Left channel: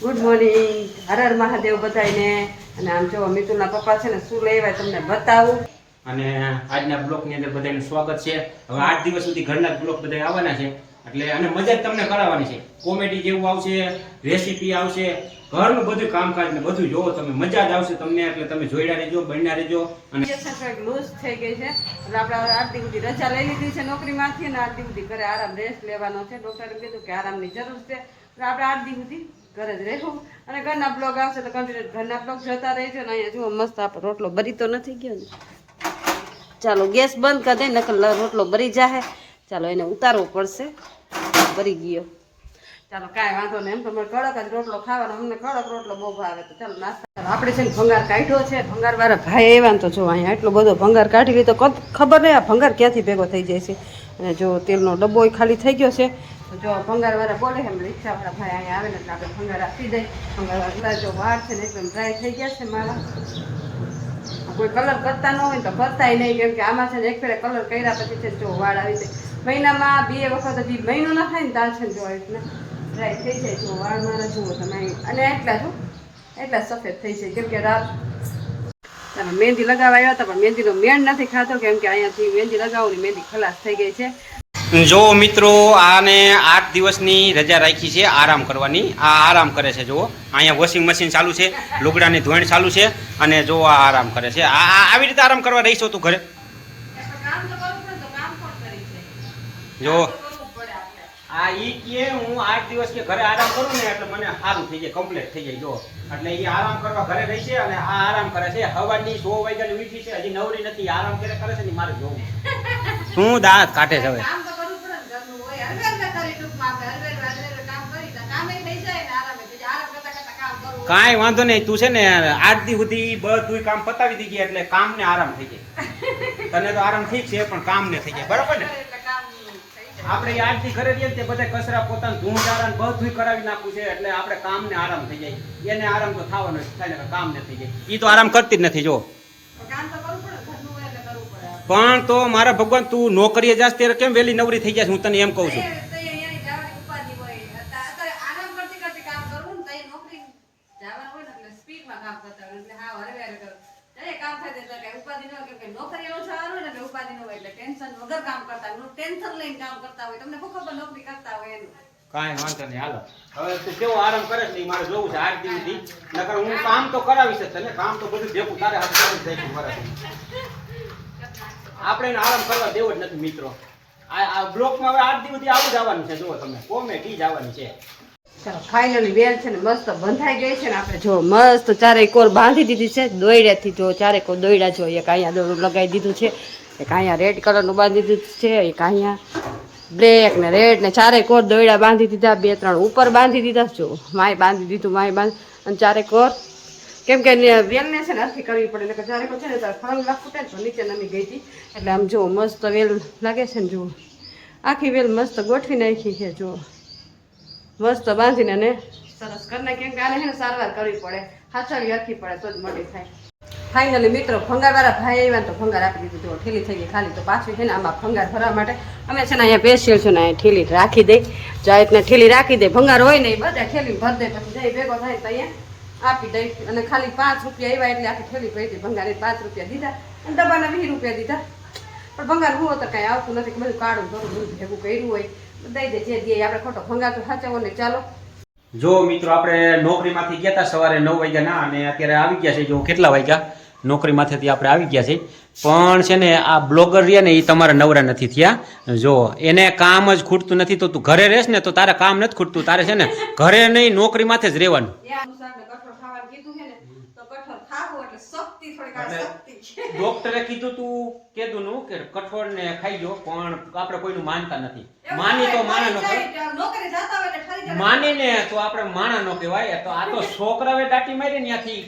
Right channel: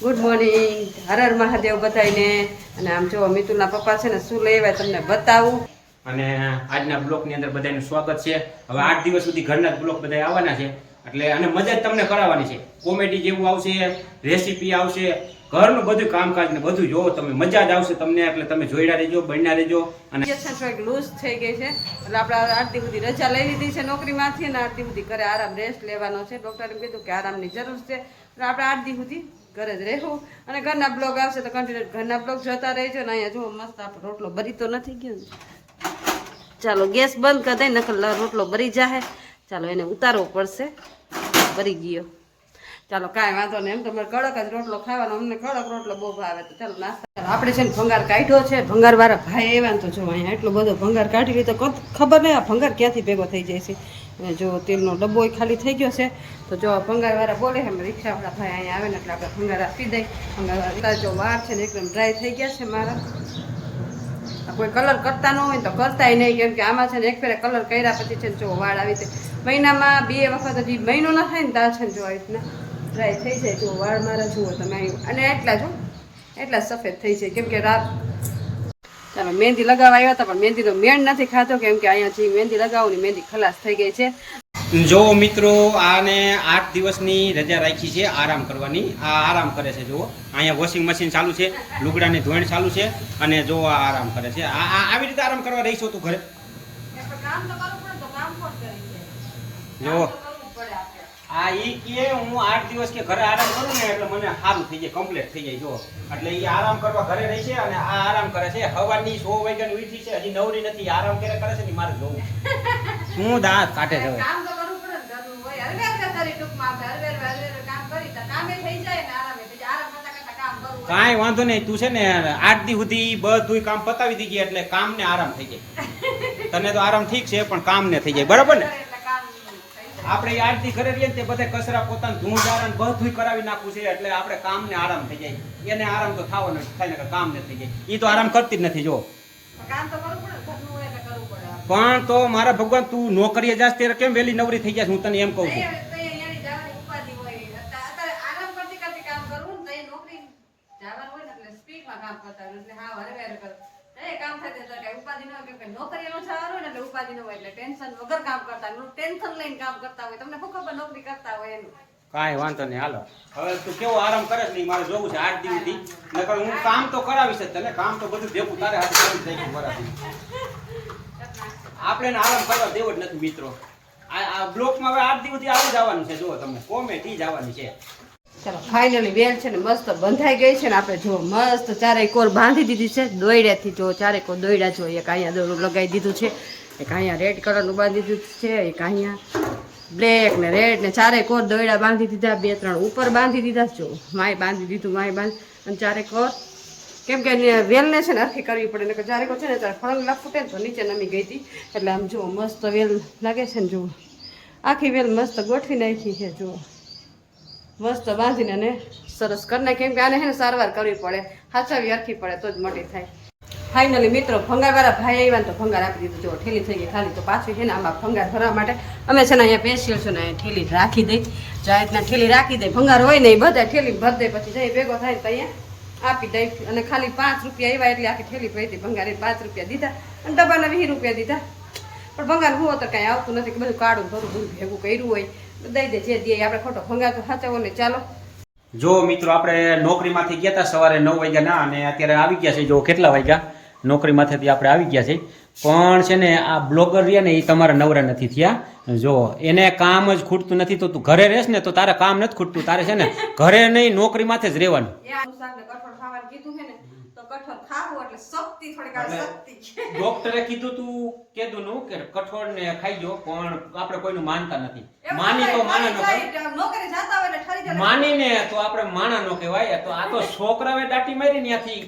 Good morning, Har Har Mahadev બધાને. અને આમ જો મિતુલના પપ્પા છે ને શું લઈ આવ્યા તમને બતાવું. અને આજના બ્લોકની અંદર બધાનું સ્વાગત છે. હવે 8 દિવસ સુધી ઘરના જ બ્લોક બધા આવવાના છે એટલે અને મજા જ તમને કરાવવાની છે. કોમેડી જેવું આવશે, રેસીપી આવશે, ઘરનું બધું કામકાજ ને બધું જોવો તમે, મજા જ આવશે તમને. એટલે તમે જોઈડા રહેજો, બન્યા રહેજો. અને થોડીક લૂઝ થઈ ગઈ છે એટલે આપણે 8 દી સુધી રજા લઈ લીધી છે નોકરીમાંથી અને 8 દી સુધી ઘરે આરામ રેસ્ટ લેવાનો છે. ડૉક્ટરે કીધું કે આરામની જરૂર છે એટલે આપણે 8 દી સુધી ઘરે જ રહેવું. અને ઘરના બ્લોગ આવશે તો કન્ટિન્યુ ઘરના બ્લોગ જોતા રહેજો. ને અહીંયા જુઓ મસ્ત આપણો રોટલો બરી તો નથી ગયો ને. ચાલો ગેસ બંધ કરી દઈ, નકર રોટલો બરી જાહે. ચાલો એને ઉતારવો પડશે, બરી ગયો. ચાલો કાંઈ વાંધો નહીં, એમ તો મારે કડક જ રોટલો ખાવાનો, અમને કડક રોટલો બહુ ભાવે. તો ચાલો નાસ્તા આપણે છે ને ભંગાર કાઢ્યો છે. ભંગારવાળા ભાઈ આવ્યા ને તો જો અહીંયા એટલો બધો ભંગાર કાઢી લીધો, ખબર નહીં આ ભંગાર ક્યાંથી ભેગો થઈ જાય છે. અને જો તેલનો ડબ્બો ખાલી થઈ ગયો છે તો જો ભંગારવાળા બોલે છે રિક્ષાવાળા ભાઈ અહીંયા આવે ને એટલે આપણે ભંગાર આપી દઈ. ભંગારવાળા જો વાળ છે ને એકદમ ડ્રાય થઈ ગયા છે મારા. કોઈ કલર કરતા ન હોય તો કરતાય નહીં, કેમ કે આમાં છે ને એક ફેરે કલર કર્યા પછી છે ને જો વાળ આવી જાય. મહિનામાં 2 વખત હજી મહિનો ના થાય ને ત્યાં છે ને જો આવી રીતના ડ્રાય થઈ જાય. જો વાળ મારા જુઓ તમે, અને એટલા સફેદ થઈ જાય કેમ કે રાત ચાલો મહેંદી લગાવવા આવ્યા હતા પણ મહેંદીનો મેળ નથી ખાતો, કેમ કે અહીંયાથી મહેંદી લગાવવાની મહેંદી ખલાસ થઈ ગઈ છે. જો મિત્રો, આને 8 દિવસની રજા રાખી છે આરામ કરવાની. આ આરામ કરે છે. જુઓ અહીંયા વોશિંગ મશીન ચાલુ છે, લુગડાની ધોણ ચાલુ છે અને જો આ આરામ કરે છે. આવી રીતે આરામ કરવા રહીશો તું ઘરે? જો આ ઈ કે હું 8 દિવસ કે ઘરે આરામ કરું ને એટલે મને સારું થઈ જાય, કમ્પ્લીટ થઈ જાય. જો એટલે એ આરામ કરવા ઘરે રહી છે અને આ આરામ કરે છે. હવાની 100 વાગ્યાની ઉઠી છે, હજી નવરી નથી, આરામ કરે છે ને મારે જોવું. શું દાંત કાઢે છે હવે? કાંઈ વાંધો નહીં, તું છે ને 8 દી સુધી બધું કામ પતાવી દીધી એટલે કામ ને આરામ થઈ જાય. તને તો આરામ ઠીક છે પણ કામ ને થઈ જાય, બરાબર ને? આપણે 8 દી ઘરે રહીએ ને તે બધા કચરા પોતાનું ધૂંધારા બધું કરાવી નાખવું છે એટલે આપણે કામ ને આરામ થઈ જાય. એને આરામ તો થવાનો થાય ને, કામ ને થઈ જાય. એ તો આરામ કરતી જ નથી. જો પણ તો મારા ભગવાન, તું નોકરીએ જાસ ત્યારે કેમ વેલી નવરી થઈ જાય? હું તને એમ કહું છું. કાંઈ વાંધો નહીં, હાલો હવે તું કેવો આરામ કરે છે મારે જોવું છે 8 દી સુધી. નકર હું કામ તો કરાવીશ જ તને, કામ તો બધું ભેગું તારે હાથે કરી જાય મારાથી. આપણે આરામ કરવા દેવો જ નથી મિત્રો. આ બ્લોકમાં હવે 8 દી સુધી આવું જવાનું છે. જુઓ તમને કોમેડી જવાની છે. ચાલો ફાઇનલી વેલ છે ને મસ્ત બંધાઈ ગઈ છે ને આપણે જો મસ્ત ચારેય કોર બાંધી દીધી છે દોયડાથી. જો ચારેય કોર દોયડા જો એક અહીંયા દોરડું લગાવી દીધું છે, એક અહીંયા રેડ કલરનું બાંધી દીધું છે, એક અહીંયા બ્લેક ને રેડ ને ચારેય કોર દોયડા બાંધી દીધા. 2-3 ઉપર બાંધી દીધા. જો માય બાંધી દીધું, માય બાંધી અને ચારેય કોર, કેમ કે વેલને છે ને હરખી કરવી પડે ને ચારેય કોર છે ને ત્યારે ફળંગલા ફૂટે ને તો નીચે નમી ગઈ હતી. એટલે આમ જો મસ્ત વેલ લાગે છે ને. જુઓ આખી વેલ મસ્ત ગોઠવી નાખી છે. જુઓ મસ્ત બાંધીને અને સરસ કરી નાખી, કેમ કે આને છે ને સારવાર કરવી પડે, હાચવી હરખી પડે તો જ મોટી થાય. ફાઇનલી મિત્રો ભંગારવાળા ભાઈ આવ્યા ને તો ભંગાર આપી દીધું. જો ઠેલી થઈ ગઈ ખાલી, તો પાછી છે ને આમાં ભંગાર ભરવા માટે અમે છે ને અહીંયા બેસીએ છું ને અહીંયા ઠેલી રાખી દઈ. જો આ રીતના ઠેલી રાખી દે, ભંગાર હોય ને એ બધા ઠેલી ભરી દે, પછી જઈ ભેગો થાય તો અહીંયા આપી દઈ. અને ખાલી 5 રૂપિયા આવ્યા એટલે આખી ઠેલી પડી ભંગાર. 5 રૂપિયા દીધા અને ડબ્બાના 20 રૂપિયા દીધા. પણ ભંગાર હું તો કાંઈ આવતું નથી, કે બધું કાઢું ધોરું બધું ભેગું કર્યું હોય દઈ દે, જે દે આપણે ખોટો ભંગાર તો સાચવો ને. ચાલો જો મિત્રો, આપણે નોકરીમાંથી ગયા હતા સવારે 9 વાગ્યાના અને અત્યારે આવી ગયા છે. જો કેટલા વાગ્યા? નોકરીમાંથી આપણે આવી ગયા છે. પણ છે ને આ બ્લોગર રહ્યા ને એ તમારા નવરા નથી થયા. જો એને કામ જ ખૂટતું નથી, તો તું ઘરે રહેશ ને તો તારે કામ નથી ખૂટતું. તારે છે ને ઘરે નહીં નોકરીમાંથી જ રહેવાનું. ડોક્ટરે કીધું તું કીધું નું કે કઠોળ ને ખાઈ જો, પણ આપણે કોઈનું માનતા નથી. માની તો માના નો કહેવાય, માનીને તો આપણે માણા નો કહેવાય. તો આ તો છોકરાએ દાટી મારી ત્યાંથી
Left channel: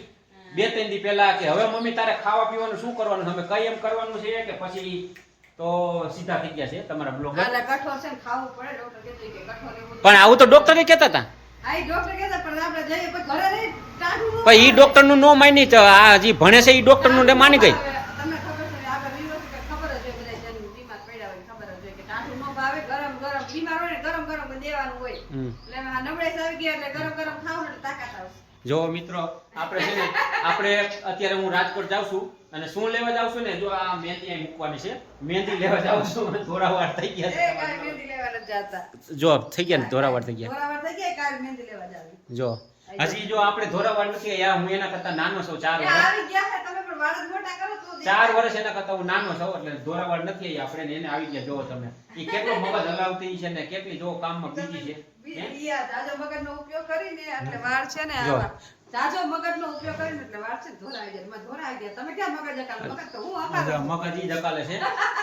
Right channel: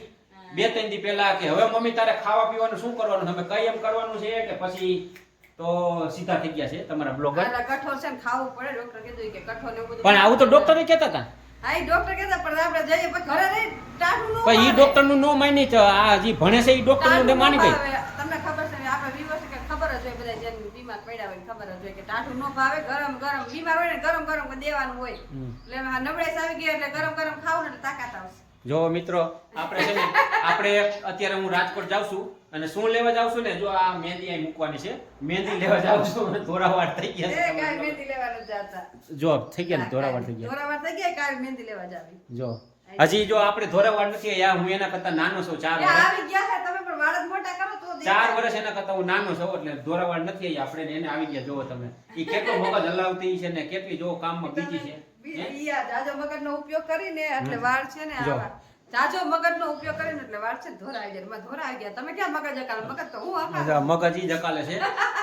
2-3 દી પહેલા કે હવે મમ્મી તારે ખાવા પીવાનું શું કરવાનું, અમે કઈ એમ કરવાનું છે કે પછી તો સીધા થઈ ગયા છે તમારા બ્લોગર. પણ આવું તો ડોક્ટરે કહેતા હતા. પણ ઈ ડોક્ટર નું નો માની તો આ જે ભણે છે ઈ ડોક્ટર નું માની ગઈ. તમને ખબર છે આપણે વિવાસ ખબર જ હોય બધા બીમાર પડ્યા હોય ખબર જ હોય કે ટાઢું ન ભાવે, ગરમ ગરમ બીમાર હોય ને ગરમ ગરમ દેવાનું હોય હમ. એટલે આ નબળાઈ આવી ગઈ એટલે ગરમ ગરમ ખાવ ને એટલે તાકાત આવશે. જો મિત્રો આપણે છે ને આપણે અત્યારે હું રાજકોટ જાઉં છું અને શું લેવા જાઉં છું ને જો આ મહેંદી અહીં મૂકવાની છે મહેંદી લેવા જાઉં છું અને ધોરાવાર થઈ ગયા એ છે કાલ મહેંદી લેવા નથી જાતા. જો થઈ ગયા ને ધોરાવાર થઈ ગયા ધોરાવાર થઈ ગયા કાલ મહેંદી લેવા જાવી. જો હજી જો આપણે ધોરાવાર નથી યા હું એના કરતા નાનો છું 4 એ વર્ષ આવી ગયા છે તમે પણ વાળ જ મોટા કરો તો 4 વર્ષ એના કરતા હું નાનો છું એટલે ધોરાવાર નથી આવી આપણે ને એને આવી ગયા જોવો તમે એ કેટલો મગજ હલાવતી છે ને કેટલી જો કામમાં બીજી છે યા જાજો મગજનો ઉપયોગ કરીને એટલે વાળ છે ને જો. આવા જાજો મગજનો ઉપયોગ કરીને એટલે વાળ છે ને ધોરા આવી જાય. એમાં ધોરા આવી ગયા તમે ક્યાં મગજ હકાલો? મગજ તો હું હકાલું. જો મગજ ઈ જ હકાલે છે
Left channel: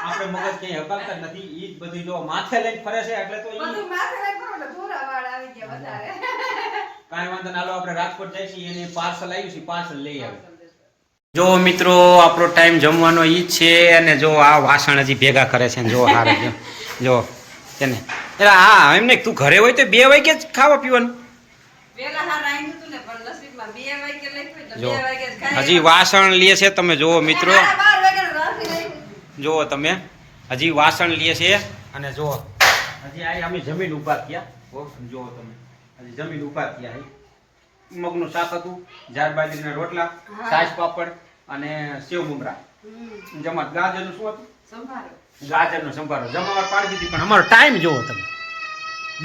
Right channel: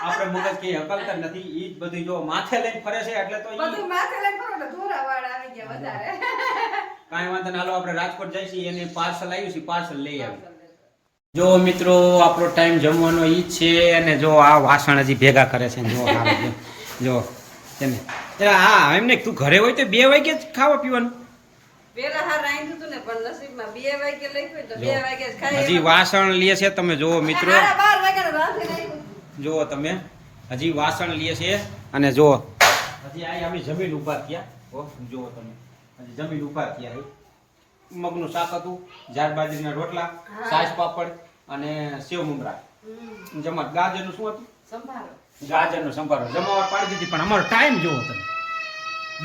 આપણે મગજ ક્યાંય હકાલતા જ નથી ઈ જ બધું જો માથે લઈને ફરે છે એટલે તો ઈ બધું માથે લઈને ફરો એટલે ધોરા વાળ આવી ગયા વધારે. કાંઈ વાંધો ના હાલો આપણે રાજકોટ જઈશું એને પાર્સલ આવ્યું છે પાર્સલ લઈ આવી જો મિત્રો આપણો ટાઈમ જમવાનો ઈ જ છે અને જો આ વાસણ હજી ભેગા કરે છે જો હારે જો તેને એટલે હા એમને તું ઘરે હોય તો 2 વાગે જ ખાવા પીવાનું પેલા હાર રાંધ્યું હતું ને પણ નસીબમાં 2 વાગે લખ્યું એટલે જો 2 વાગે જ ખાઈ. હજી વાસણ લે છે તમે જુઓ મિત્રો હારા 12 વાગે નથી રાખ્યું. જુઓ તમે હજી વાસણ લે છે અને જુઓ હજી આ અમે જમીન ઊભા થયા હો જુઓ તમે હજી જમીન ઊભા થયા અહીં મગનું શાક હતું જાર બાજરીના રોટલા છાશ પાપડ અને સેવ મમરા જમા ગાજરનું શું હતું સંભાળો. ગાજરનો સંભારો જમાવટ પાડી દીધી પણ અમારો ટાઈમ જોવો તમે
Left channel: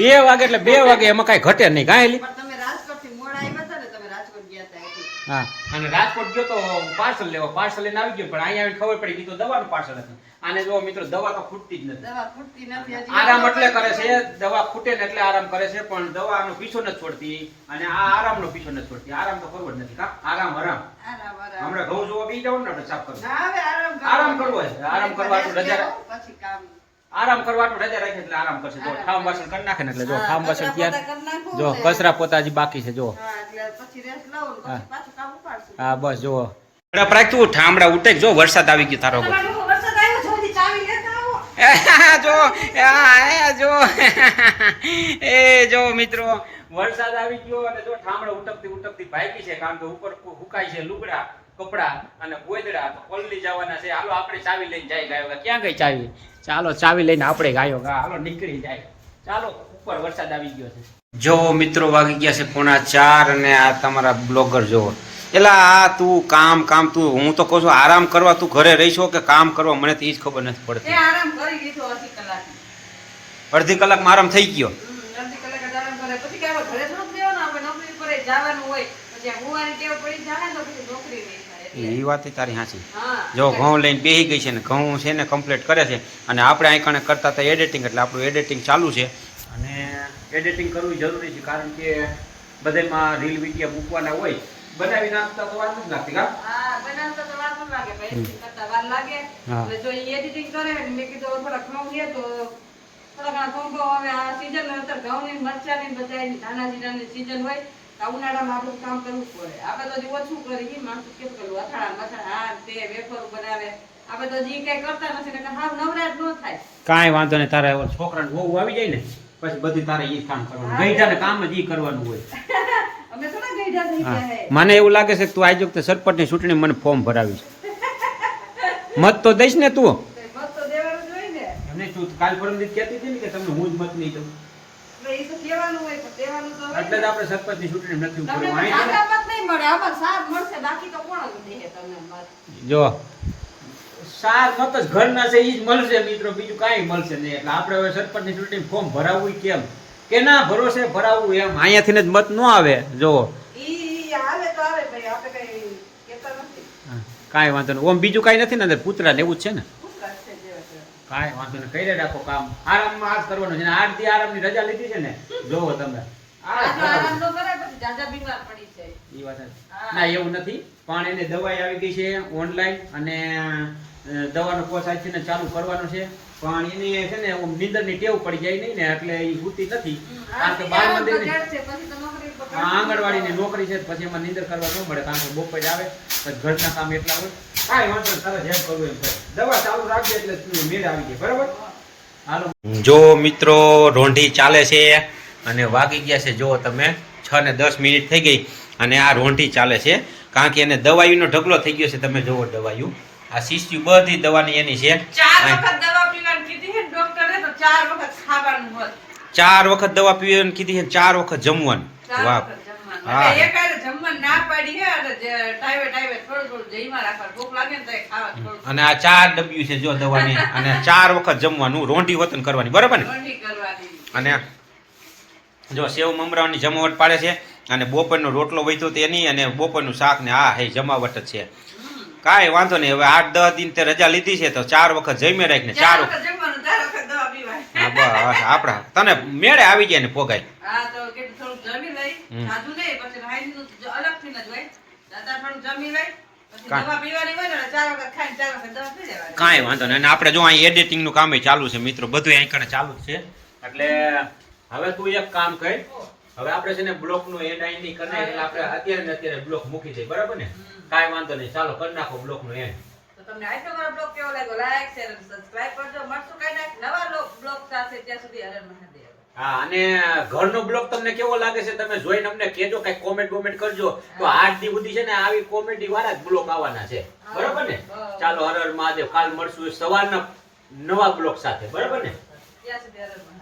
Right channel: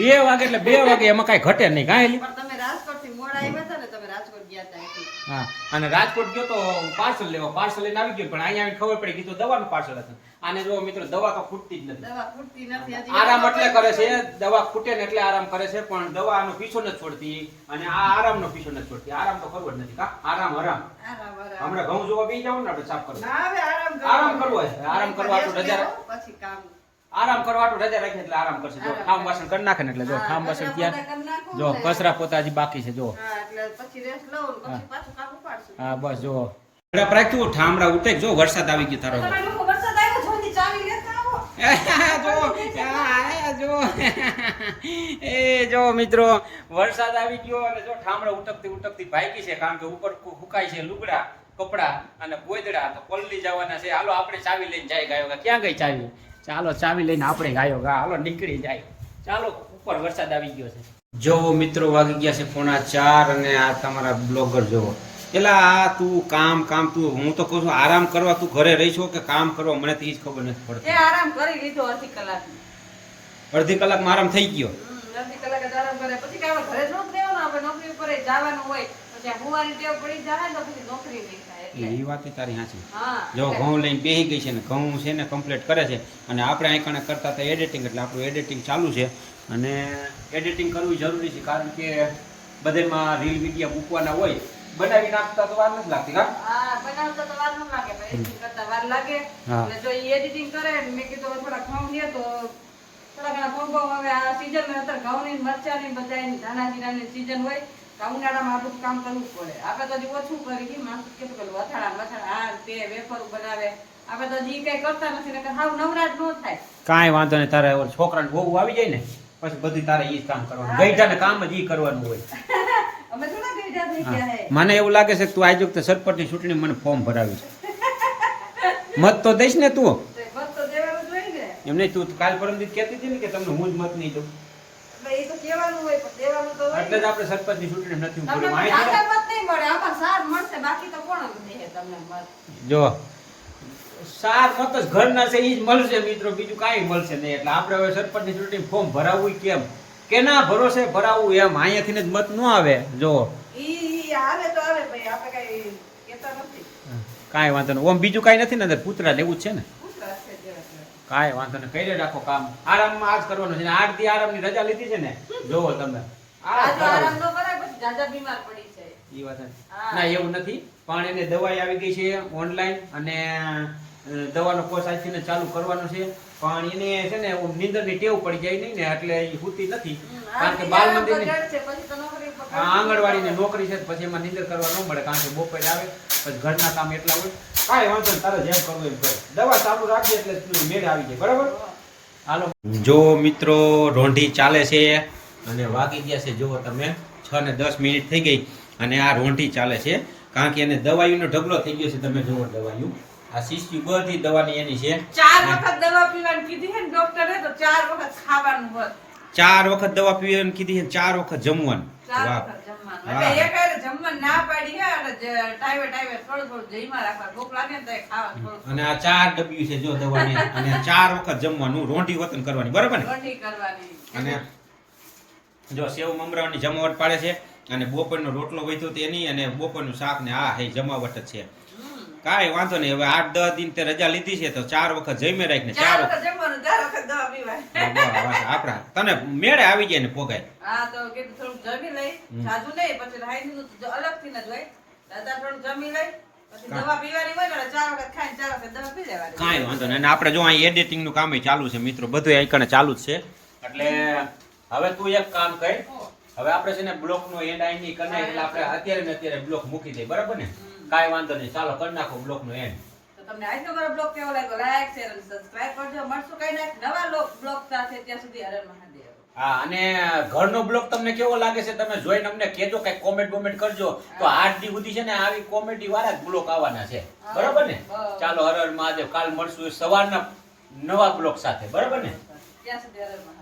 2 વાગે એટલે 2 વાગે એમાં કાંઈ ઘટે નહીં કાંઈ પણ તમે રાજકોટથી મોડા આવ્યા હતા ને તમે રાજકોટ ગયા હતા એટલે. હા અને રાજકોટ ગયો તો પાર્સલ લેવા પાર્સલ લઈને આવી ગયો પણ અહીંયા આવીને ખબર પડી ગઈ તો દવાનું પાર્સલ હતું આને જો મિત્રો દવા તો ખૂટતી જ નથી દવા ખૂટતી નથી હજી. આરામ એટલે કરે છે દવા ખૂટે ને એટલે આરામ કરે છે પણ દવાનો પીછો નથી છોડતી અને આ આરામનો પીછો નથી છોડતી આરામ તો કરવો જ નથી કા આરામ આરામ. હમણાં ઘઉં જોવા બેસી જાવ ને આપણે સાફ કરવું ના હવે આરામ કરો. આરામ કરવો છે આરામ કરવા તો રજા પછી કામ. આરામ કરવા તો રજા રાખે એટલે આરામ કરશે જો ઠામ વાસણ કરી નાખે ને એટલે જો ઠામ વાસણ કચરા ત્યાં પોતા કરી નાખું જો ને. કચરા પોતા હજી બાકી છે જો હા એટલે પછી રેસ્ટ લઉં ને હા. પછી પાછું કામ ઉપાડશું. હા બસ જો તું ઠામડા ઉઠે જો વરસાદ આવી ગયો તારો તમારે લોકો વરસાદ આવ્યો જલ્દી ચાવી લેતા આવો. જો જો એ જો મિત્રો વરસાદ આવી ગયો અને જો ઠામડા ઉટકતી ભાગી છે કારણ કે ઉપર હુકાય છે લુગડા કપડા અને ગોદડા તો પલળી જવાના છે હાલો આપણે ચાવી લઈને જાય ગાયો ગા ક્યાં ગઈ ચાવી ચાલો ચાવી લઈને આપણે ગાયો ગા હાલો નીકળી જાય ચાલો ઉપર વરસાદ આવી ગયો છે જો મિત્રો વાગી ગયા છે 3:45 અને આ તમારા બ્લોગર જો એલા આ તું કામ તું હું તો કહું છું આરામ કરવા તું ઘરે રહી છો કે કામ કરવા મને તો એ જ ખબર નથી પડતી એ આરામ કરી લીધો અડધી કલાક. અડધી કલાકમાં આરામ થઈ ગયો અડધી કલાક જ આરામ કરે પછી કાંઈ ઘરે જ નથી રહેવાનું આપણે નોકરી પર જવાનું હોય પછી આ હુવાની ટેવ પડી જાય ને તો પછી નોકરી નહીં થાય એટલે. એ વાત તારી સાચી હા જો ઘઉં લઈને બેસી ગઈ છે ને ઘઉં છે ને કમ્પ્લીટ કરે છે અને આપણે અહીં કણે કરતા હતા એડિટિંગ એટલે આપણું એડિટિંગ ચાલુ છે અને એડિટિંગ કરવું જરૂરી છે કારણ કે બધામાં રીલ વિડીયો મૂકવાના હોય બનાવી નાખતા તો વાર નથી લાગતી કા હા બનાવતા તો વાર ન લાગે editing કરતા વાર લાગે હા. એટલે જો ઈ એડિટિંગ કરે ને મેં કીધું થોડા ઘઉં લે તો થોડા ઘણા ઘઉં બહુ હવે આ સીઝન અત્યારે ઘઉંની મરચાની બધાની ધાણા જીરાની સીઝન હોય તો આ ઉનાળામાં આ બધું કામ કરવું પડે આપણે તો હજી ઓછું કરી માણસ કેવું પેલું અથાણા મથાણા આ તે વેફરો બનાવે આપણે તો હજી કઈ કરતા નથી ને હાવ નવરાજ ન થાય કાંઈ વાંધો નહીં તારે છોકરાને બહુ આવી જાય ને પછી બધું તારે એ જ કામ કરવાનું ગઈઢાને કામ જ એ કરવાનું હોય અમે થોડા ગઈઢા થઈ હા. ગયા હે મને એવું લાગે છે કે તું આજ વખતે સરપંચની ચૂંટણી મને ફોર્મ ભરાવી મત તો દઈશ ને તું તે બસ તો દેવાનું જોઈએ ને એમ નહીં તું કાલ પરમ દિવસ કહેતી હતી ને કે તમને હું જ મત નહીં દઉં એટલે ઈ તો કહેવાનું હોય પણ દેવાનું તો હોય એટલે જ આપણે સરપંચની ચૂંટણી નથી તમને ઉભું તો માહિતી તાકાત નહીં મળે આમાં સાર મળશે બાકી તો કોણ જ દે તમને મત જો સાર મત જ ઘરના છે એ જ મળશે મિત્રો બીજું કાંઈ મળશે નહીં એટલે આપણે હવે સરપંચની ચૂંટણી ફોર્મ ભરાવવું કેમ કેના ભરોસે ભરાવવું એમ અહીંયાથી જ મત ન આવે જો ઈ આવે તો આવે ભાઈ આપણે કઈ કહેતા નથી કાંઈ વાંધો નહીં ઓમ બીજું કાંઈ નથી ને અંદર પૂતળા ને એવું જ છે ને કૂતરા છે જે છે. કાંઈ વાંધો નહીં કરી રાખો કામ આરામમાં આજ કરવાનું છે ને 8 દી આરામની રજા લીધી છે ને જોવો તમે આ આ જો કરાવું. આરામ ન કરે પછી જાજા બીમાર પડી છે ઈ વાત છે. હા. ના એવું નથી પણ એને દવાઈ આવી ગઈ છે ઓનલાઈન અને દવાનો કોર્સ આજથી ચાલુ કરવાનો છે પણ એને છે ને નીંદરની ટેવ પડી જાય નહીં ને એટલે એ હોતી નથી કારણ કે બાલ મંદિરની છે પછી તો નોકરી પર આ આંગણવાડીની નોકરી છે પછી એમાં નીંદર કરવા ન મળે કારણ કે બપોરે આવે પછી ઘરના કામ એટલા હોય કાંઈ વાંધો નહીં તારે જેમ કરવું એમ કરે દવા ચાલુ રાખજે એટલે મેળ આવી જાય બરાબર હાલો જો મિત્રો રોંઢી ચાલે છે અને વાગી ગયા છે જો તમે 6 ને 10 મિનિટ થઈ ગઈ અને આ રોંઢી ચાલે છે કારણ કે એને દવાઈનો ઢગલો થઈ ગયો છે તમે જુઓ દવાઈઓ આ શીશી બધી દવાની એની છે 4 વખત દવા પીવાની કીધી છે ને ડોક્ટરે, તો 4 વખત ખાવાનું હોત. 4 વખત દવા પીવાની કીધી છે 4 વખત જમવાનું 4 વાહ વખત જમવાનું. હા. એટલે એકારે જમવાનું ના પાડી હે, અને ટાઈમે થોડું થોડું જઈમાં રાખવાનું. ભૂખ લાગે ને તો ખાવા થોડું અને આ 4 ડબ્લ્યુ છે જો દવાની અને 4 વખત જમવાનું રોંઢી વતન કરવાની બરાબર ને રોટલી કરવાની. અને જો સેવ મમરાની જમાવટ પાડે છે અને બપોરનો રોટલો વૈતો તેની અને બપોરનું શાક ને આ હે જમાવટ જ છે કાંઈ વાંધો નહીં હવે 8-10 દિન તે રજા લીધી છે તો 4 વખત જમી રાખીને 4 4 વખત જમવાનું, 4 વખત દવા પીવાની. બસ આપણા તને મેળે આવી જાય ને પોગાય હા, તો કે થોડું જમી લઈ, સાદું નહીં, પછી હાઈનું અલગથી ન જ હોય. દાદા થોડું જમી લઈ, પછી દવા પીવાની હોય ને 4 વખત ખાઈને 4 વખત દવા પી લેવાની. કાંઈ વાંધો નહીં અને આપણે જો અહીં એડિટિંગનું કામ ચાલુ છે મિત્રો બધું અહીં કણે ચાલુ જ છે એટલે હવે તું એક કામ કર હવે આપણે છે ને બ્લોકનો એન્ડ અહીં નહીં કરને એટલે આપણે અત્યારે ને અત્યારે બ્લોક મૂકી દઈએ બરાબર ને કાંઈ વાંધો નહીં ચાલો કરી નાખો બ્લોકનો એન્ડ તો તમને આજનો મારો બ્લોગ કેવો લાગ્યો, લાઈક શેર અને સબસ્ક્રાઇબ કરજો. મળશું કઈ નવા બ્લોગ સાથે, ત્યાં સુધી હર હર મહાદેવ. હા અને ઘરનો બ્લોગ તમને કેવો લાગે છે તમે જોઈને અમને કહેજો કઈ કોમેન્ટ કરજો તો 8 દી સુધી છે ને આવી કોમેડી વાળા જ બ્લોગ આવવાના છે બરાબર ને ચાલો હર હર મહાદેવ કાલ મળશું સવારના નવા બ્લોગ સાથે બરાબર ને ત્યાં સુધી હર હર મહાદેવ.